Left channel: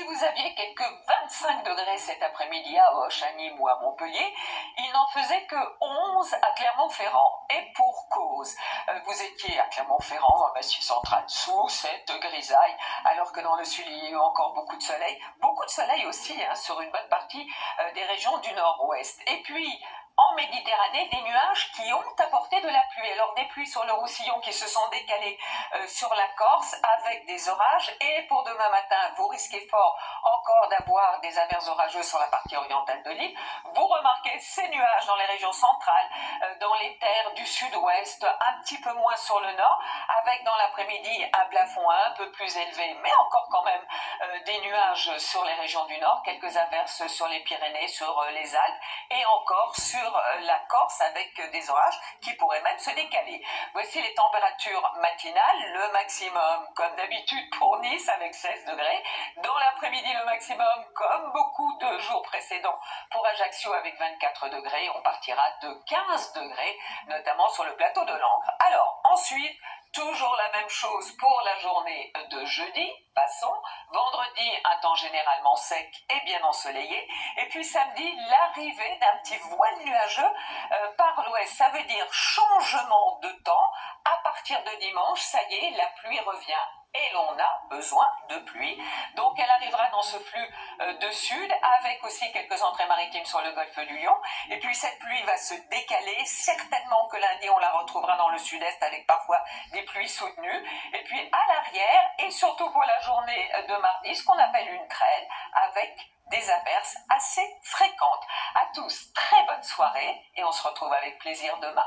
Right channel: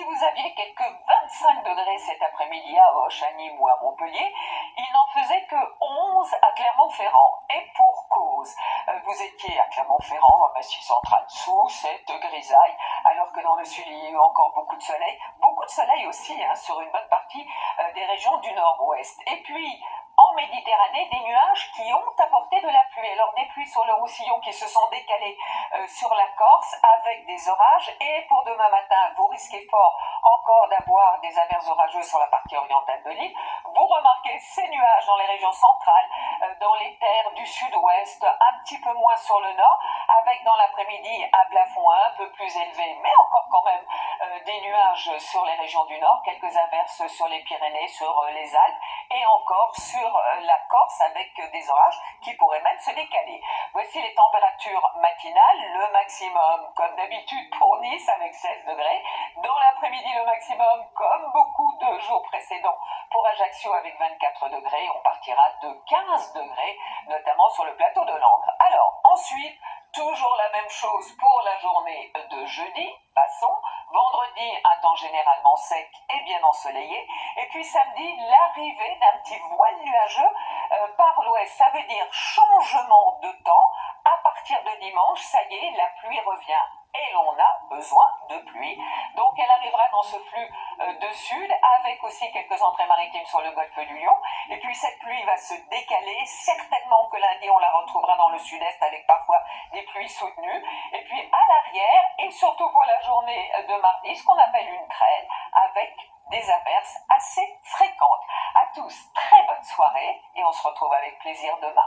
si vous aviez quelques 25 degrés cet après-midi à Auch, à Nîmes ou à Montpellier, il n'en faisait que 11 à Clermont-Ferrand. Et pour cause, vous étiez à Clermont-Ferrand, à Massif Central, sous cette grisaille, alors que dans le sud, il y a eu encore beaucoup de soleil aussi sur une bonne partie des régions du nord-ouest. Et puis, en Méditerranée, des nuages qui ont apporté de la pluie. Alors des pluies sur le Roussillon qui se sont décalées sur la Corse avec des orages. Et pour demain matin, vous risquez fort encore d'avoir des averses orageuses sur la partie orientale de l'île. Vous remarquez ces nuages dans les régions centrales, dans les terres du sud-ouest, un petit peu moins sur le nord, avec dans l'après-midi un plafond un peu plus élevé, mais encore quand même des nuages sur les régions du nord, quelques averses sur les Pyrénées, sur les Alpes, et encore sur la Corse avec des orages qui pourraient même se décaler. Voici les températures matinales, le maximum comme d'habitude pour Nice avec 16 degrés, dans l'après-midi le maximum comme beaucoup de jours précédents pour Ajaccio avec 24 degrés, on partira de 15 degrés, notamment sur le plateau de Langres. Alors ensuite, toujours la même chose pour la journée de jeudi, passons. Vendredi, un temps généralement sec et bien ensoleillé. Et puis samedi, l'arrivée d'un petit voile nuageux par l'ouest. Ça veut dire changement de temps. À partir de dimanche, ça y est, la pluie revient. Et l'on a besoin de pluie. Donc elle arrivera dans ce flux de sud, avec aussi quelques entrées maritimes sur le golfe du Lion. Et puis cette pluie va se décaler. Certainement que lundi, on la retrouvera dans le sud-est avec parfois des pluies soutenues. Et puis à l'arrière, et surtout pour la journée de mardi, ce qu'on appelle une traîne, avec des averses assez fréquentes. À tous, très bonne soirée, et on se retrouve avec plaisir demain.